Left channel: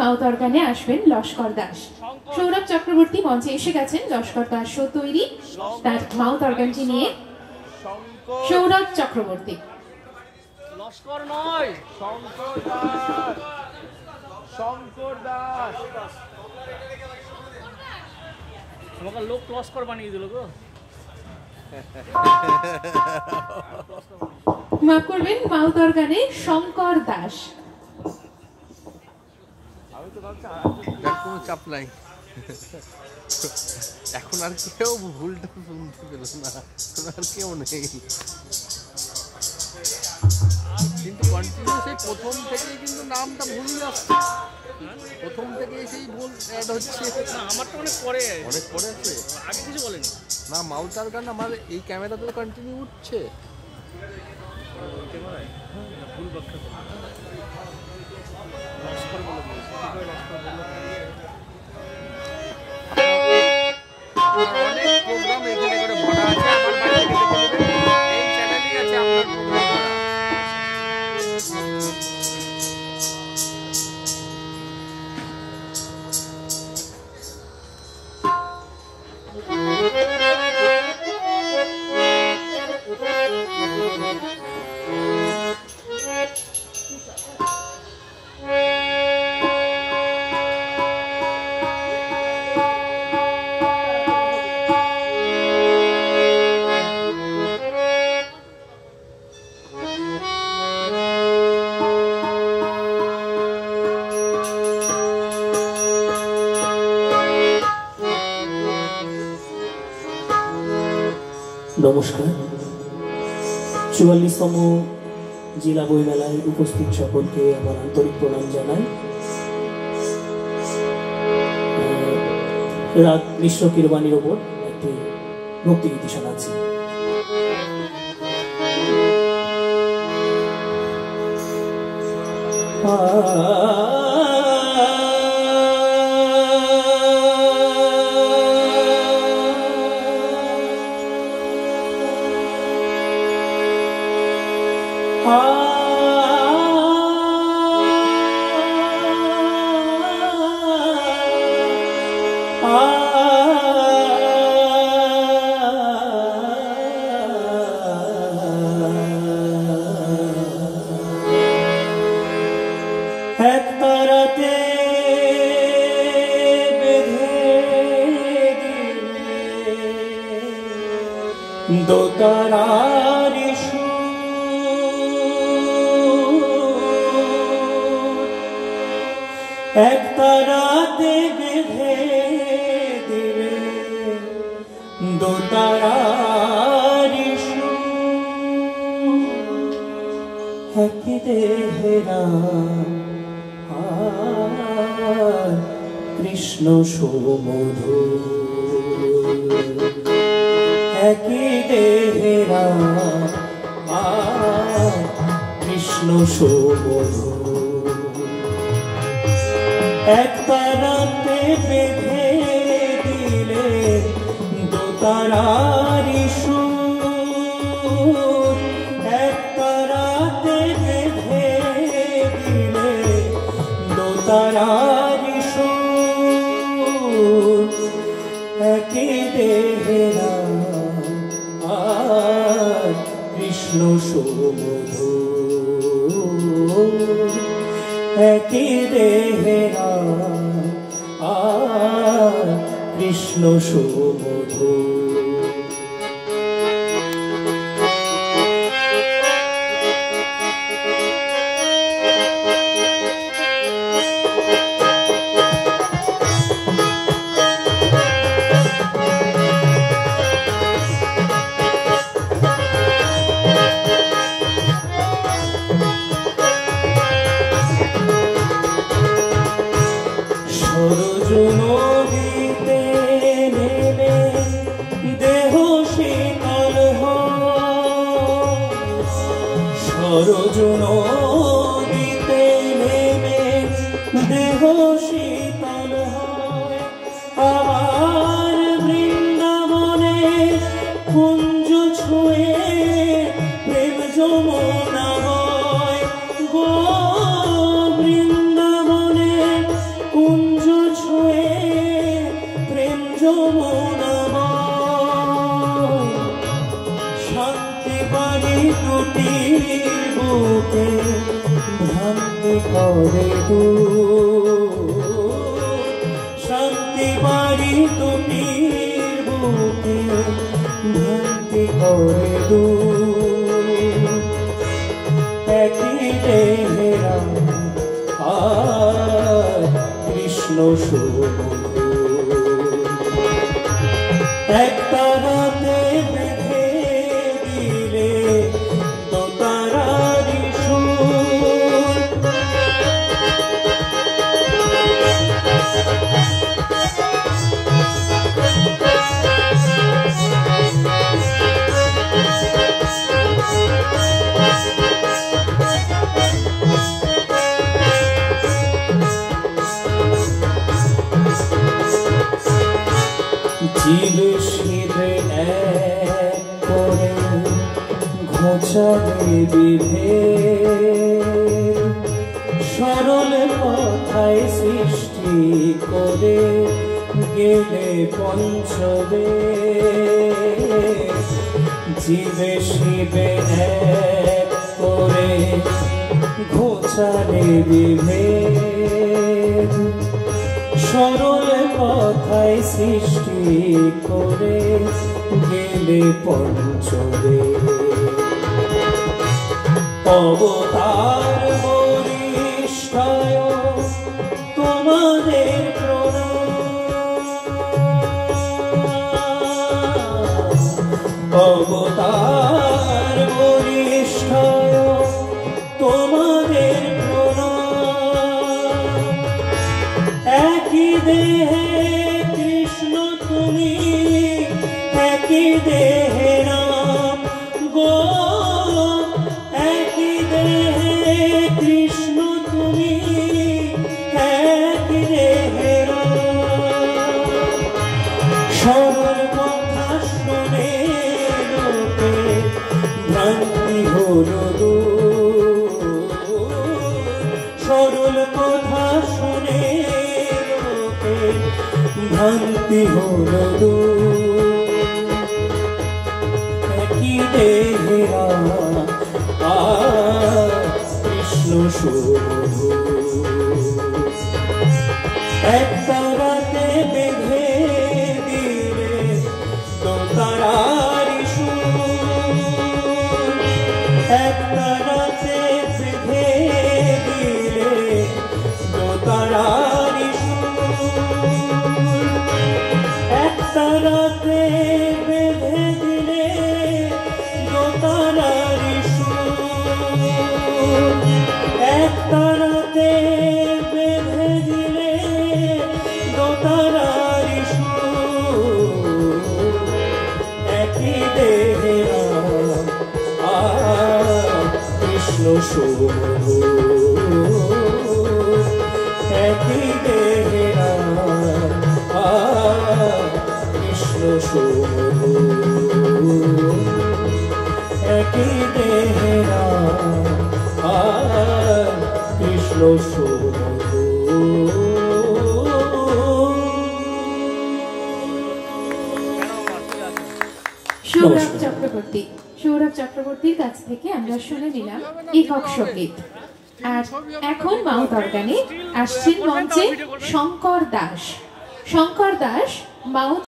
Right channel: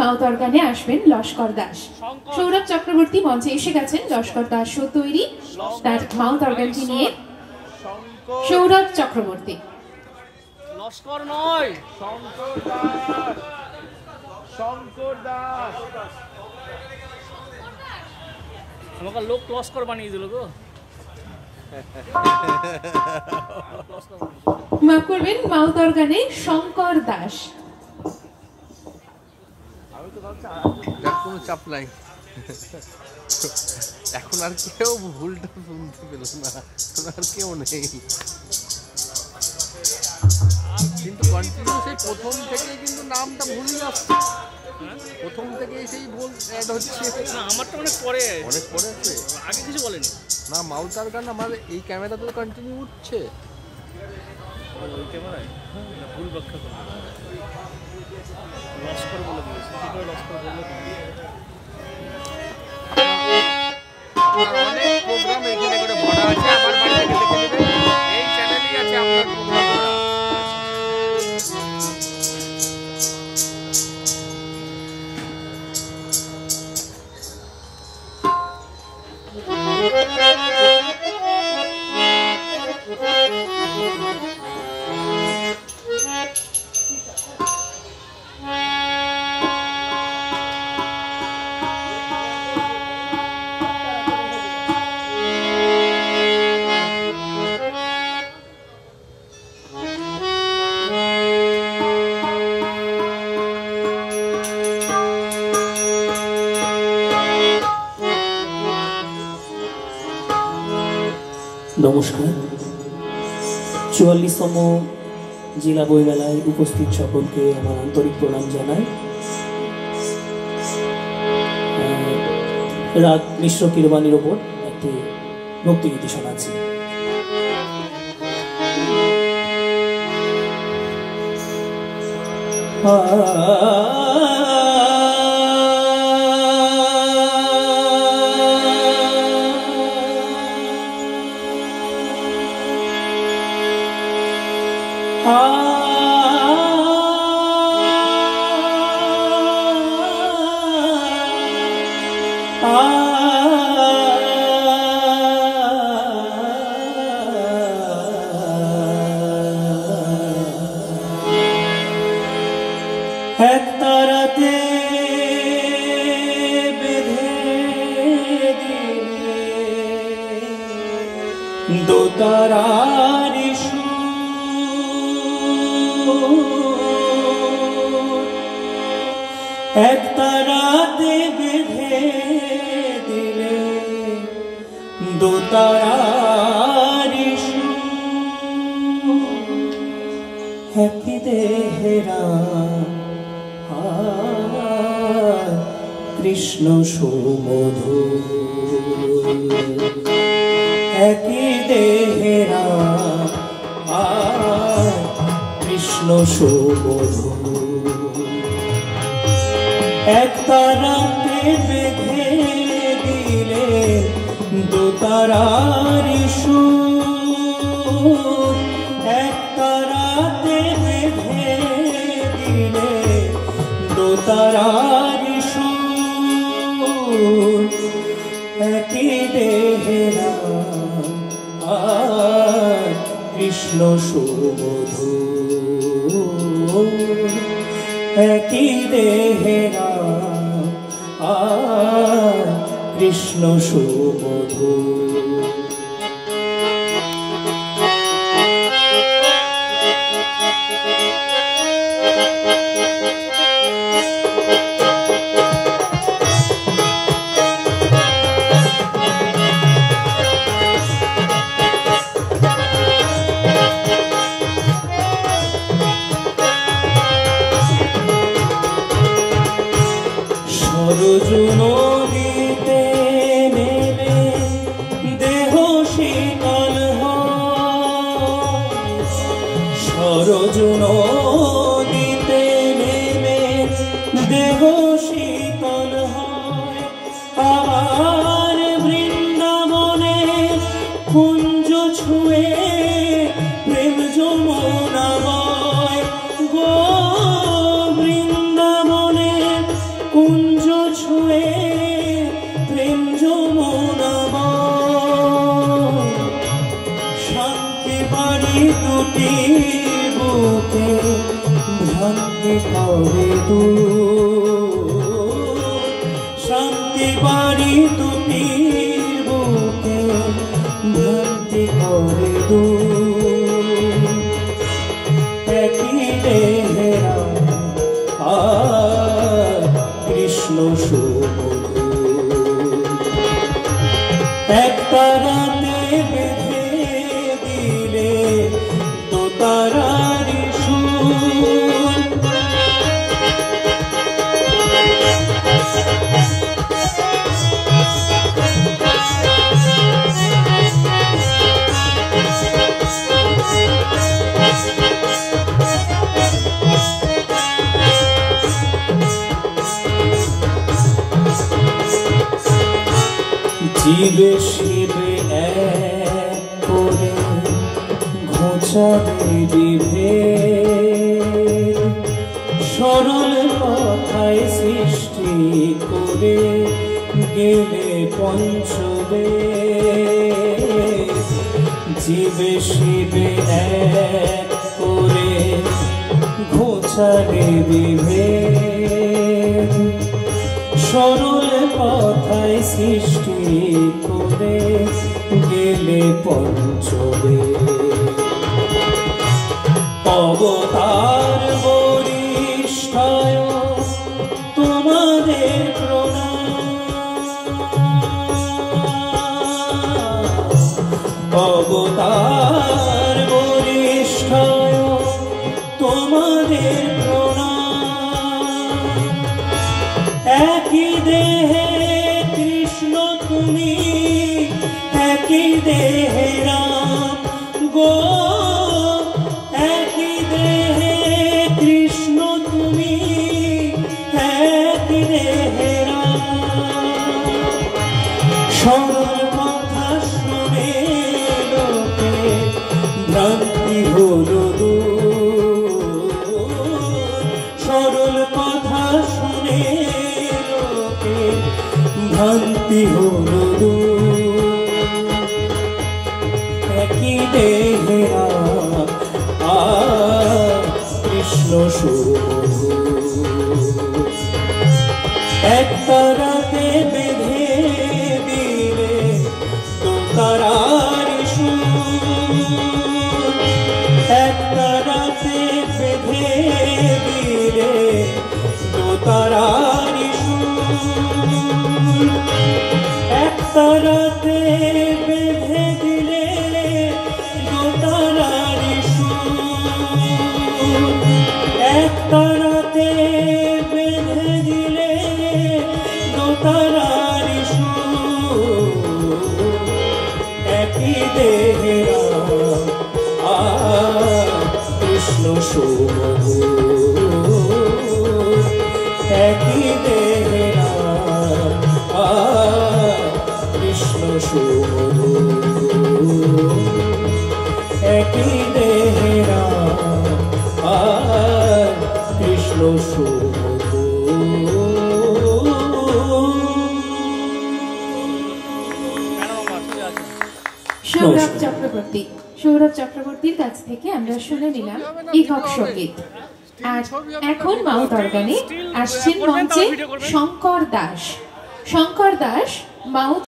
Mouth অর্গানে আসবেন লস্কর দাস। সৌরভ চক্রবর্তী মঞ্চে এসে গেছেন। লস্কর দাস তৈরি তার মাউথ অর্গানটি নিয়ে। সৌরভ চক্রবর্তী। লস্কর নয়, শঙ্কর দাস। শঙ্কর দাস লোক লস্কর বানিয়ে দিল গো। মাফ করবেন, মাউথ অর্গানে শঙ্কর দাস। কোনো চাপ নাই, এখন আর কেউ ভুলটা শুনতে পেল না, আর কেউ নেই। কিন্তু কন্টিনিউ সেই প্রথম থেকেই কিন্তু নামটা ভুল যাচ্ছে, প্রথম থেকেই সেই ভুল অ্যাড হচ্ছে। আমার তো অনেক পরে আছে, আগে কিছু বলেনি না। মাউথ অর্গান আমার এই ক্যামেরাতে তো কন্টিনিউ উঠছে। অনেক প্রোগ্রাম এখানে করে ভরা আছে, আমার বাড়ি থেকে দেখে নেবেন, এই চ্যানেলেই আছে আপনার প্রোগ্রাম ভরা। নমস্কার। ৪৪তম জেলা বইমেলায় উপস্থিত সকলকে আমার আন্তরিক প্রণাম জানাই। রাগ মিশ্র কিরবানির ওপর একটি ভক্তিগীতি শোনাচ্ছি। এক তারাতে বেঁধে দিলে দো তারার এক তারাতে বেঁধে দিলে দো তারার একই দেহেরা কৃষ্ণ সুমধু একই দেহেরা কৃষ্ণ সুমধু এক তারাতে বেঁধে দিলে দু তারার সুর এক তারাতে বেঁধে দিলে দু তারার সুর একই দেহেরা কৃষ্ণ সুমধু একই দেহেরা কৃষ্ণ সুমধু সরজ নদীতে নেমে কৃষ্ণ সুমধুর এক তারাতে বেঁধে দিলে দোতারার সুর জীবে শিবে এক করে ঘোচাবে বিভেদ সরল কথায় সৃষ্টি করে গেলে পঞ্চবেদ জীবে শিবে এক করে ঘোচাবে বিভেদ সরল কথায় সৃষ্টি করে গেলে পঞ্চবেদ অবতার বরিষ্ঠায় তোমাদের প্রণাম অবতার বরিষ্ঠায় তোমাদের প্রণাম একই দেহে কৃষ্ণ তুমি একই দেহে রাম গো একই দেহে কৃষ্ণ তুমি একই দেহে রাম সরল কথা শুনে লোকে ভ্রান্তি হলো সরল কথা শুনে লোকে ভ্রান্তি হলো একই দেহে কৃষ্ণ সুমধুর এক তারাতে বেঁধে দিলে দোতারার সুর এক তারাতে বেঁধে দিলে দোতারার সুর এক তারাতে বেঁধে দিলে দোতারার সুর এক তারাতে বেঁধে দিলে দোতারার সুর একই দেহে কৃষ্ণ সুমধুর একই দেহে কৃষ্ণ সুমধুর একই দেহে কৃষ্ণ সৌরভ চক্রবর্তী সৌরভ চক্রবর্তীর কাছ থেকে আমরা শুনে নিলাম একক সঙ্গীত। আর এখন মাউথ অর্গানে আসছেন মঞ্চে শঙ্কর দাস। শঙ্কর দাস মাউথ